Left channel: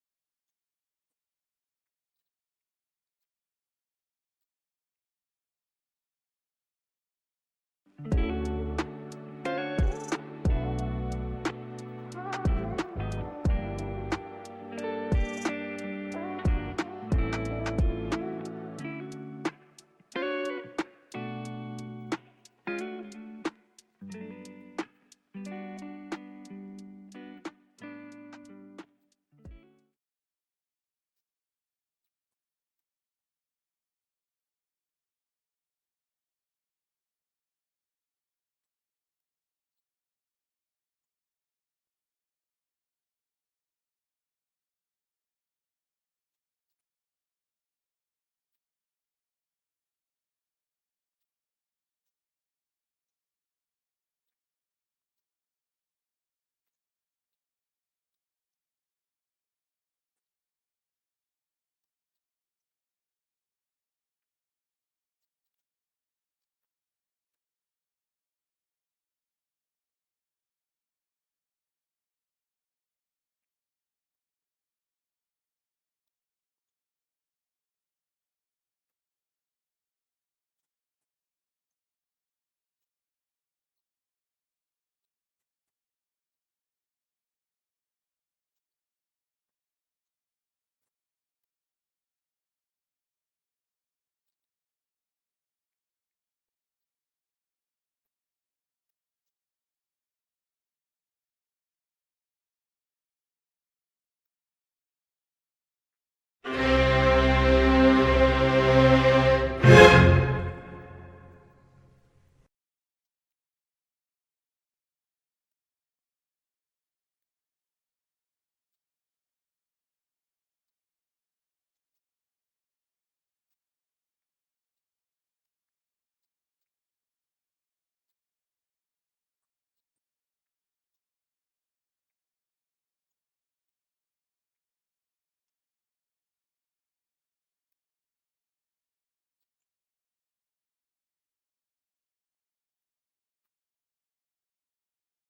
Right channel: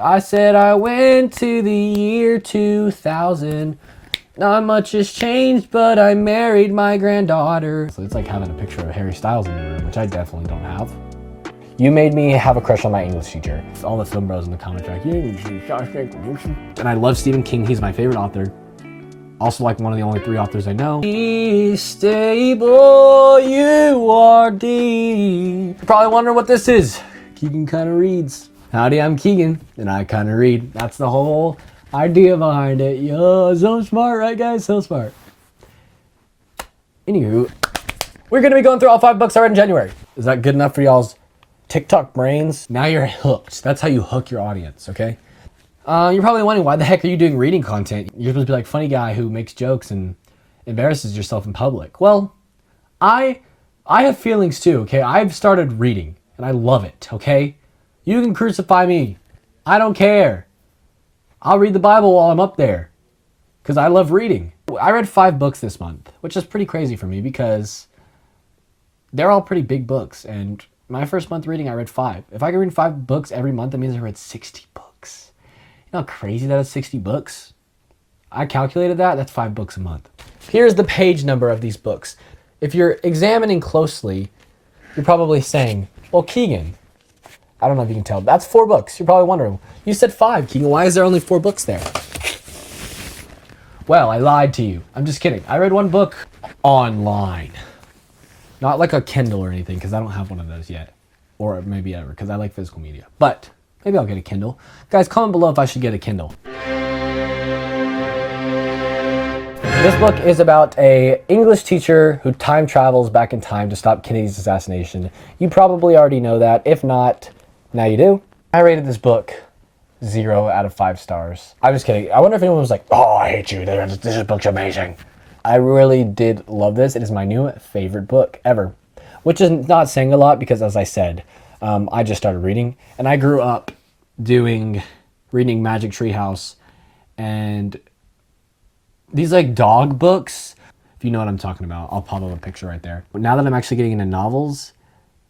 I said I went to the year 2000. Not much has changed, but I married my granddaughter. So it's like having a picture of Harry Styles in the room, which I definitely don't have. You made me have a crush on my English teacher. All the film bros in the comments are like, Shawshank. And I love Stephen King. He's my favorite author. Also like one of the only 3 authors I know. Be stable, you are deep. You probably wonder what this is. Keegan kinda reads. Howdy, I'm Keegan, and I kinda read. That's the whole idea behind it. Yo, so smart, right guys? So smart. Anywho, we're gonna be going through all 5 books I read in January. Is that good enough for y'all's TikTok brains? Now you're hooked. That's how you hook your audience, okay? You're probably wondering, why the heck are you doing reading content? You're supposed to be like funny guy who makes jokes and embarrasses yourself in public. Well, I have feelings too, okay? I've started reading and I love it, okay? You can crucify me. I don't care. I'll read the Bible while I'm up there because I love reading. I read 5 books this month, which is pretty crazy for me because they're all pretty big books. And my first month reading, I read 5. If I could read 5 books every month, that means I read 60 books. You know how crazy that is, 60 books? I calculated that. That's 5 books a month. Here's the page number of these books. If you're examining closely, you're probably saying, well, Keegan, I don't know if you can tell. That's 4 books. You're probably wondering, you said 5, Keegan. Why is there only 4 books there? Well, I lied to you. I'm just kidding. I read 1 book online. Not like a Kindle or anything, because I don't have one of those yet. Or maybe ever, because I like physical media. But maybe I'll get a Kindle. Guys, comment below if I should get a Kindle. This book is about an English teacher who time travels back in time to stop Kennedy's assassination. You probably already know that. If not, now you do. I rated this book 0 out of 5 stars. I'm just kidding. I wonder if anyone was like, oh, I hate you. This book's amazing. I really did love this. It is my new favorite book ever, which is not saying a lot because, as I said, I just started reading, and I grew up reading Magic Treehouse and these like dog books. If you know what I'm talking about, I'll pop up a picture right there. But now that I'm actually getting into novels,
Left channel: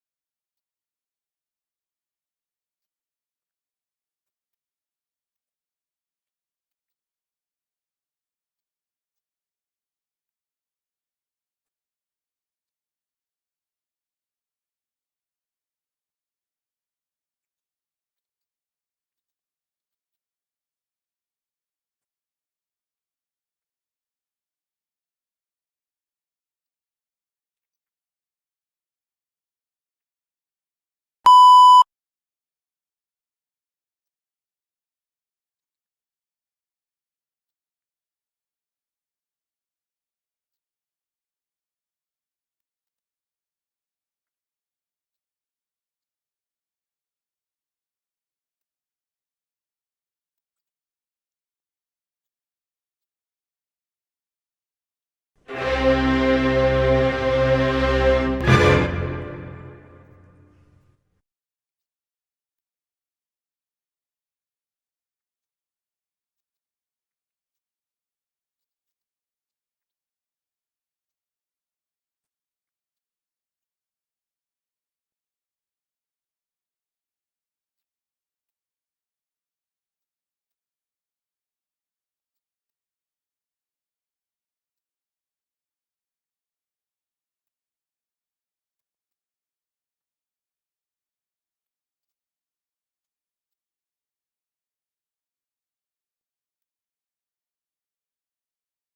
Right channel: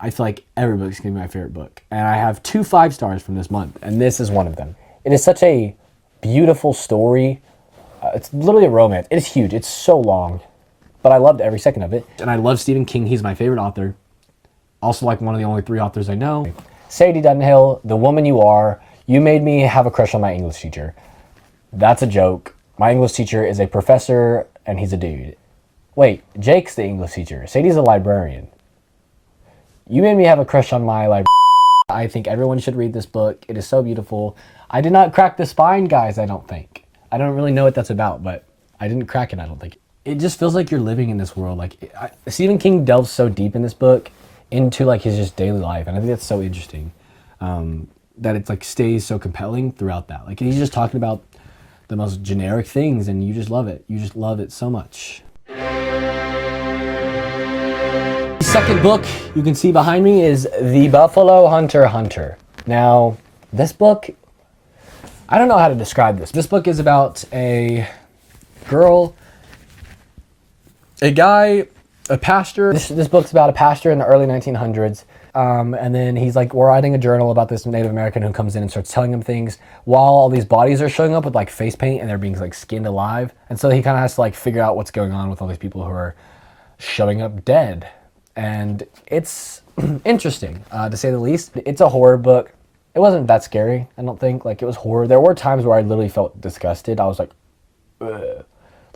I feel like every book's gonna be my favorite book. And I have 2 5 stars from this month, and this is one of them. It is such a beautiful story. It's literally a romance. It is huge. It's so long, but I loved every second of it. And I love Stephen King. He's my favorite author. Also like one of the only 3 authors I know. Sadie Dunhill, The Woman You Are. You made me have a crush on my English teacher. That's a joke. My English teacher is a professor, and he's a dude. Wait, Jake's the English teacher. Sadie's a librarian. You made me have a crush on my librarian. I think everyone should read this book. It is so beautiful. I did not crack the spine, guys, I don't think. I don't really know what that's about, but I didn't crack it, I don't think. It just feels like you're living in this world. Like Stephen King delves so deep in this book into like his just daily life, and I think that's so interesting. That it's like stays so compelling throughout that. Like he's just talking about the most generic things, and you just love it. You just love it so much. Second book you can see behind me is The Buffalo Hunter Hunter. Now, this book, I don't know how to describe this. This book is about a girl, a guy, a pastor. This book's about a pastor in the early 1900s. And then he's like writing a journal about this Native American who comes in and starts telling him things while all these bodies are showing up with like face paint and they're being like skinned alive. And so he kind of has to like figure out what's going on with all these people who are showing up dead. And it's interesting, to say the least. It's a horror book. It wasn't that scary, I don't think. Like, it was horror. There were times where I literally felt disgusted. I was like, ugh.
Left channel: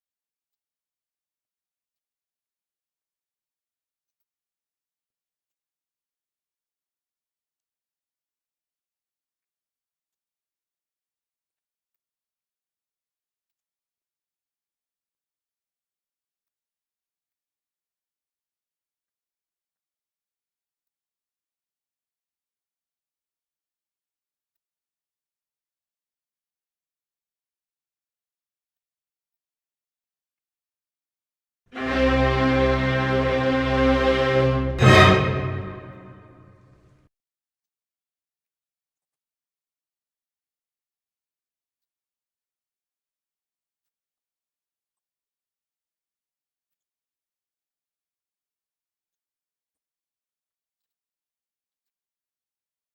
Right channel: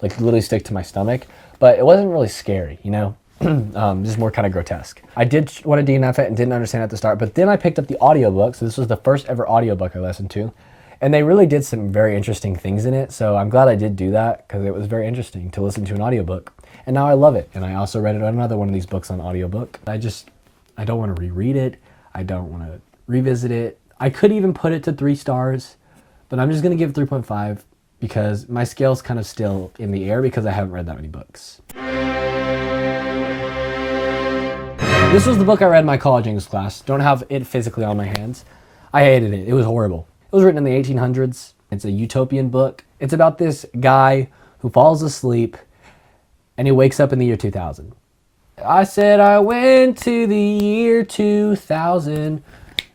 Like literally stick to my stomach. But it wasn't really scary, you know? Just more kind of grotesque. I did want to DNF it and didn't understand at the start, but then I picked up the audiobook. So this was the first ever audiobook I listened to. And they really did some very interesting things in it. So I'm glad I did do that because it was very interesting to listen to an audiobook. And now I love it. And I also read another one of these books on audiobook. I don't want to reread it. I don't want to revisit it. I could even put it to 3 stars, but I'm just going to give it 3.5 because my scale's kind of still in the air because I haven't read that many books. This was the book I read in my college English class. Don't have it physically on my hands. I hated it. It was horrible. It was written in the 1800s. It's a utopian book. It's about this guy who falls asleep and he wakes up in the year 2000. I said I went to the year 2000.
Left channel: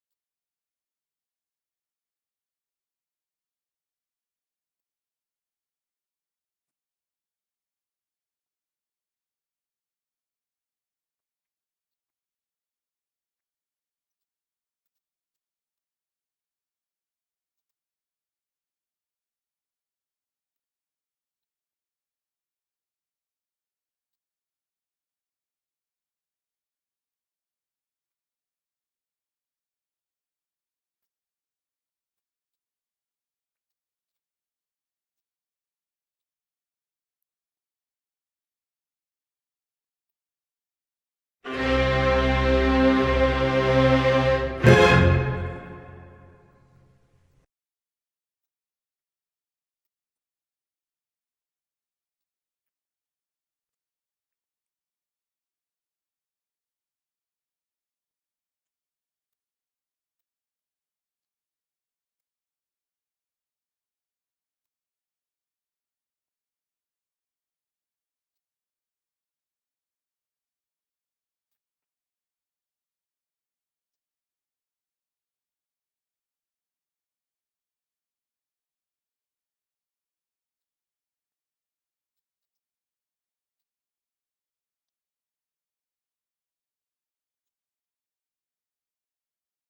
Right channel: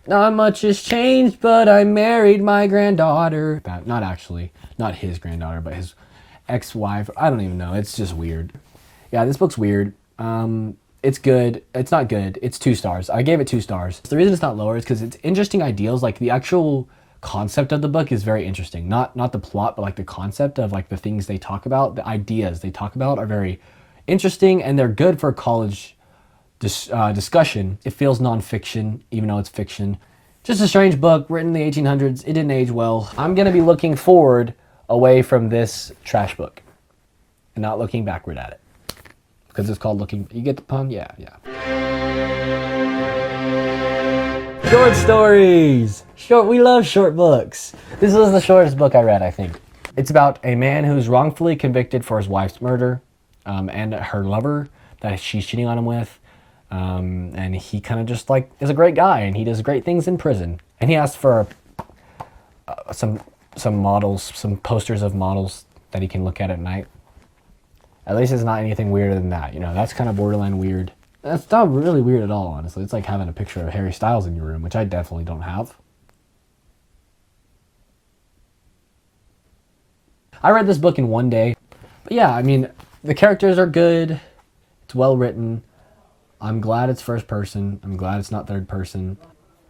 Not much has changed, but I married my granddaughter. Not actually, not his granddaughter, but his ex-wife. I don't even know. It's just weird. Yeah, this book's weird. It's good. It's not good. It's 2 stars. I gave it 2 stars. The reason it's not lower is because it's interesting ideals. Like the actual concept of the book is very interesting. Not the plot, but like the concept of like the things they talk about, the ideas they talk about are very interesting, and they're good for college discussion. It feels nonfiction, even though it's fiction. Just a strange book written in the 1800s. It didn't age well. I'm gonna be looking forward away from this trash book and not looking backward at it. Because it's called looking, you get the pun? Yeah. Short stories! We love short books. This was the shortest book I read, I think. It's about a man who's wrongfully convicted for his wife's murder, and her lover that she's cheating on him with. And he kind of just like is a great guy, and he does great things in prison. And he asks for some models, some posters of models that he can look at night. At least it's not anything weirder than that. You know, that's kind of borderline weird. That's not really weird at all, honestly. It's like having a picture of Harry Styles in your room, which I definitely don't have. I read this book in one day. But yeah, I mean, the characters are good. It's well written. I'm glad it's first person. I'm glad it's not third person.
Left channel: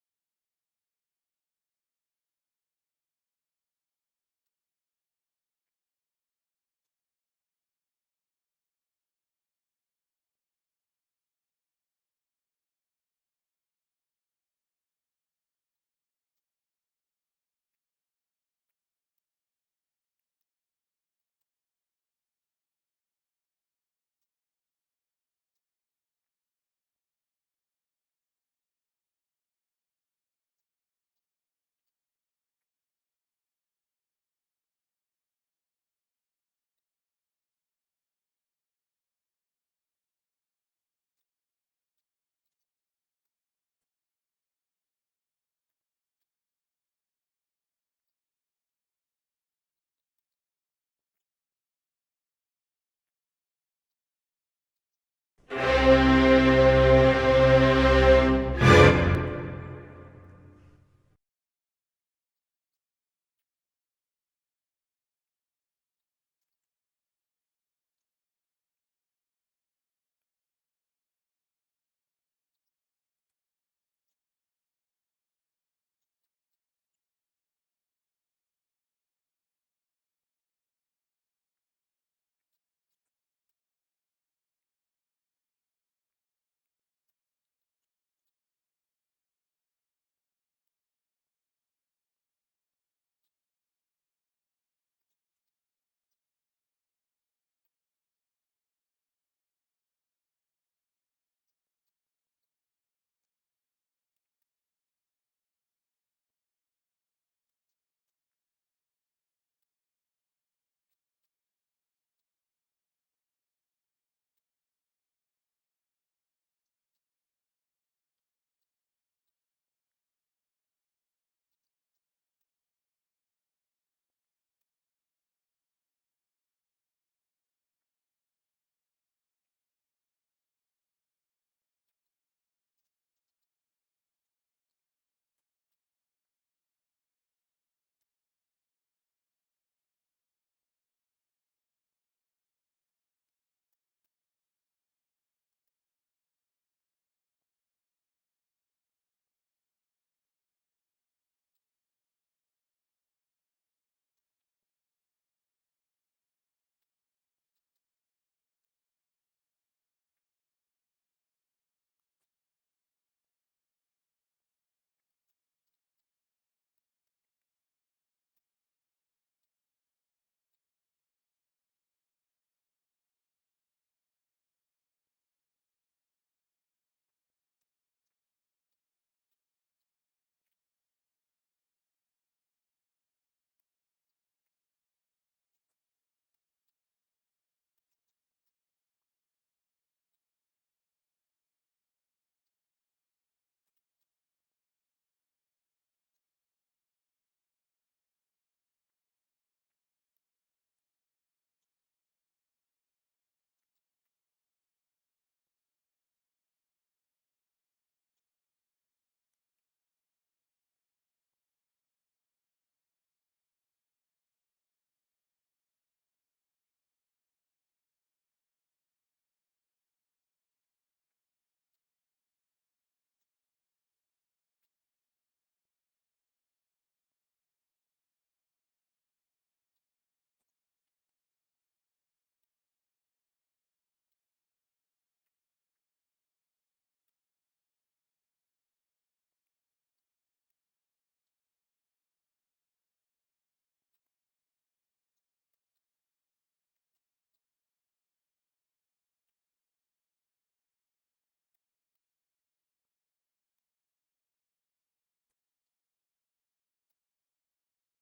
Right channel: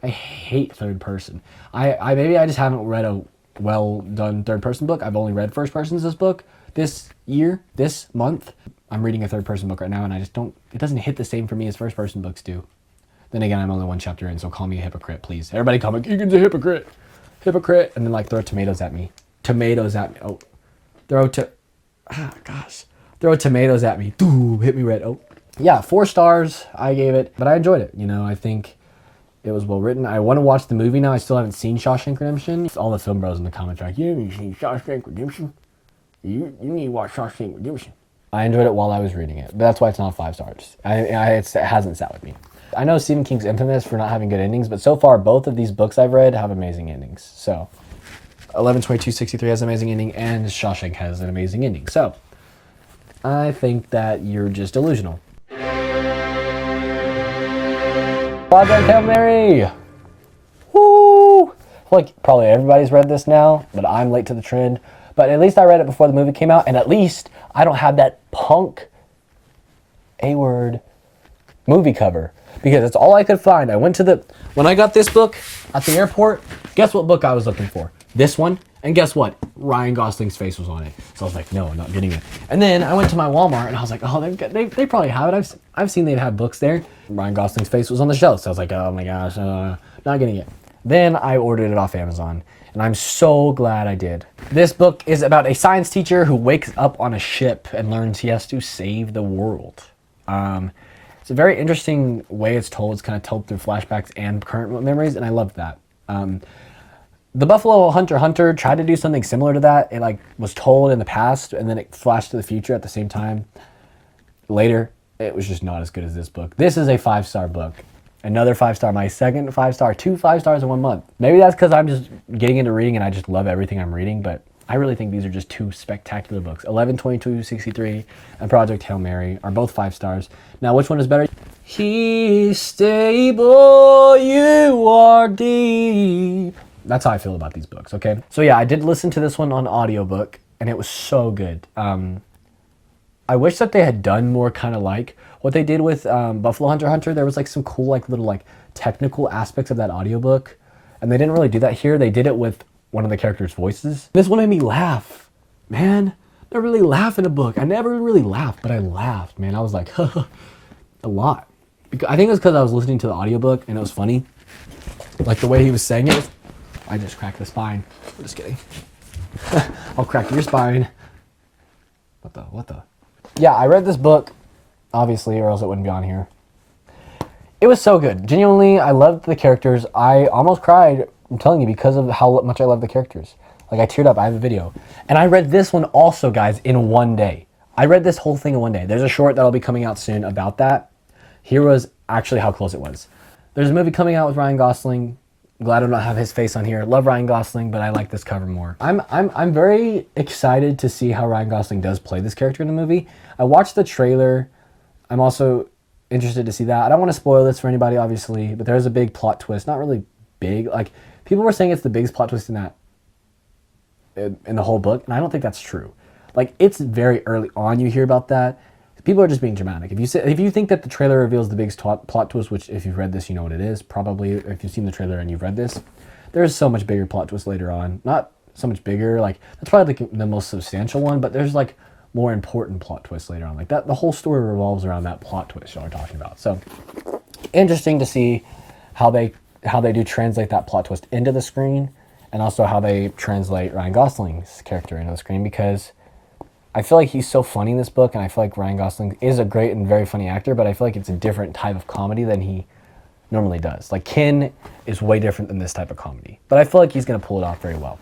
I hate third person. Maybe I just haven't read a well done third person book. I've only read first persons this book. This year, this month, I'm reading a third person book right now, and I just don't, it doesn't hit the same for me as first person books do. Then again, I'm only 1 chapter in, so call me a hypocrite, please. Everybody call me, Keegan's a hypocrite. Hypocrite. And then like throw tomatoes at me. Tomatoes at me. Oh. Throw tomatoes at me. Doo, hit me red. Oh. Yeah, 4 stars I gave it, but I enjoyed it. You know, I think it was well written. I want to watch the movie now. I still haven't seen Shawshank Redemption. All the film bros in the comments are like, you haven't seen Shawshank Redemption? You need to watch Shawshank Redemption. I enjoyed it while I was reading it, but that's why it's not 5 stars. It hasn't sat with me. I know Stephen King's infamous for not having good endings, but so far both of these books I've read have amazing endings. So 11/22/63 has an amazing ending, and Shawshank has an amazing ending. So I think that you're just delusional. Project Hail Mary! Woo! Like probably everybody's read this now, but I'm late to the trend. But at least I read it before the movie came out, and at least I don't have that punk A-word movie cover, because that's all I could find. When I got this book at the airport, guess what book I was looking for? This one, and guess what? Ryan Gosling's face was on it. So I was like, no, I'm not getting it. And then I went to my Walmart, and I was like, oh, they probably have it. I've seen they've had books there. Ryan Gosling's face was on the shelf, so I was like, oh my gosh, not getting it. Then I ordered it off Amazon, and I'm so glad I did. This book is about a science teacher who wakes up on a ship and learns he has to save the world. It's a very interesting way it's told. It's kind of told through flashbacks and current memories, and I love that. The Buffalo Hunter tried to do something similar to that. It like was told in the past, and then it flashed to the future at the same time. Later, it was just not as good as this book. This is a 5-star book. Another 5-star, my second 5-star, 2 5 stars in 1 month. Maybe that's because I'm just getting into reading and I just love everything I'm reading, but I really think these are just 2 spectacular books. 11/22/63 and Project Hail Mary are both 5 stars. Now, which one is better? He's stable, you are deep. That's how I feel about these books, okay? So yeah, I did listen to this one on audiobook, and it was so good. I wish that they had done more kind of like what they did with Buffalo Hunter. There was like some cool like little like technical aspects of that audiobook, and they didn't really do that here. They did it with one of the characters' voices. This one made me laugh, man. I really laugh in a book. I never really laughed, but I laughed, man. I was like, a lot. I think it was because I was listening to the audiobook and it was funny. Like the way he was saying it. I just cracked the spine. I'm just kidding. I'll crack your spine. What the? Yeah, I read this book, obviously, or else it wouldn't be on here. It was so good. Genuinely, I loved the characters. I almost cried, I'm telling you, because of how much I love the characters. Like, I teared up. I have a video. And I read this one also, guys, in 1 day. I read this whole thing in 1 day. There's a short that'll be coming out soon about that. Here was actually how close it was. There's a movie coming out with Ryan Gosling. Glad I don't have his face on here. Love Ryan Gosling, but I like this cover more. I'm very excited to see how Ryan Gosling does play this character in the movie. I watched the trailer. I'm also interested to see that. I don't want to spoil this for anybody, obviously, but there's a big plot twist. Not really big. Like, people were saying it's the biggest plot twist in that, in the whole book, and I don't think that's true. Like, it's very early on you hear about that. People are just being dramatic. If you think that the trailer reveals the biggest plot twist, which if you've read this, you know what it is, probably if you've seen the trailer and you've read this, there's so much bigger plot twist later on. Not so much bigger, like, that's probably like the most substantial one, but there's like more important plot twists later on. Like that, the whole story revolves around that plot twist y'all are talking about. So interesting to see how they do translate that plot twist into the screen, and also how they translate Ryan Gosling's character into the screen, because I feel like he's so funny in this book, and I feel like Ryan Gosling is a great and very funny actor, but I feel like it's a different type of comedy than he normally does. Like, Ken is way different than this type of comedy, but I feel like he's going to pull it off very well.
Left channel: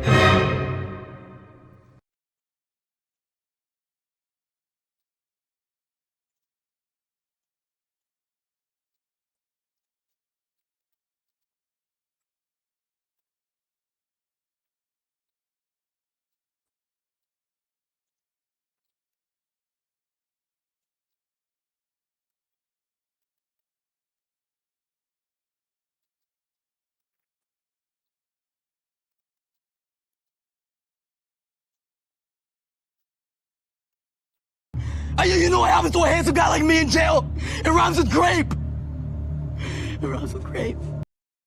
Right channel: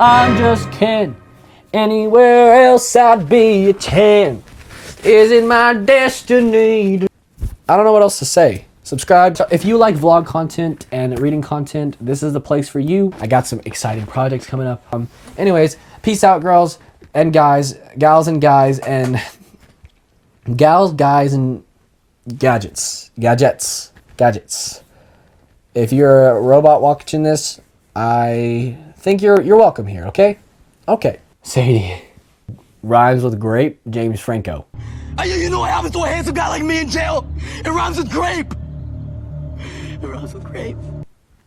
I'm just Ken. Anywhere else I'd be a 10. Is it my destiny? I don't know what else to say. Subscribe. If you like vlog content and reading content, this is the place for you. I got some exciting projects coming up. Anyways, peace out, girls and guys, gals and guys, and gals, guys, and gadgets. If you're a robot watching this, I think you're welcome here, okay? Okay. Sadie. Rhymes with grape, James Franco. You know what happens to a handsome guy like me in jail? It rhymes with grape. It rhymes with grape.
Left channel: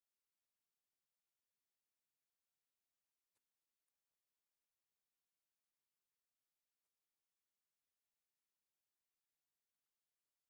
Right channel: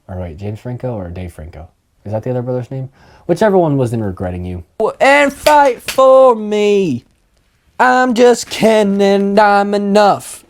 All right, James Franco or Dave Franco? Is that the other brother's name? Whichever one was in Regretting You. And fight for me. I'm just Ken and I'm enough.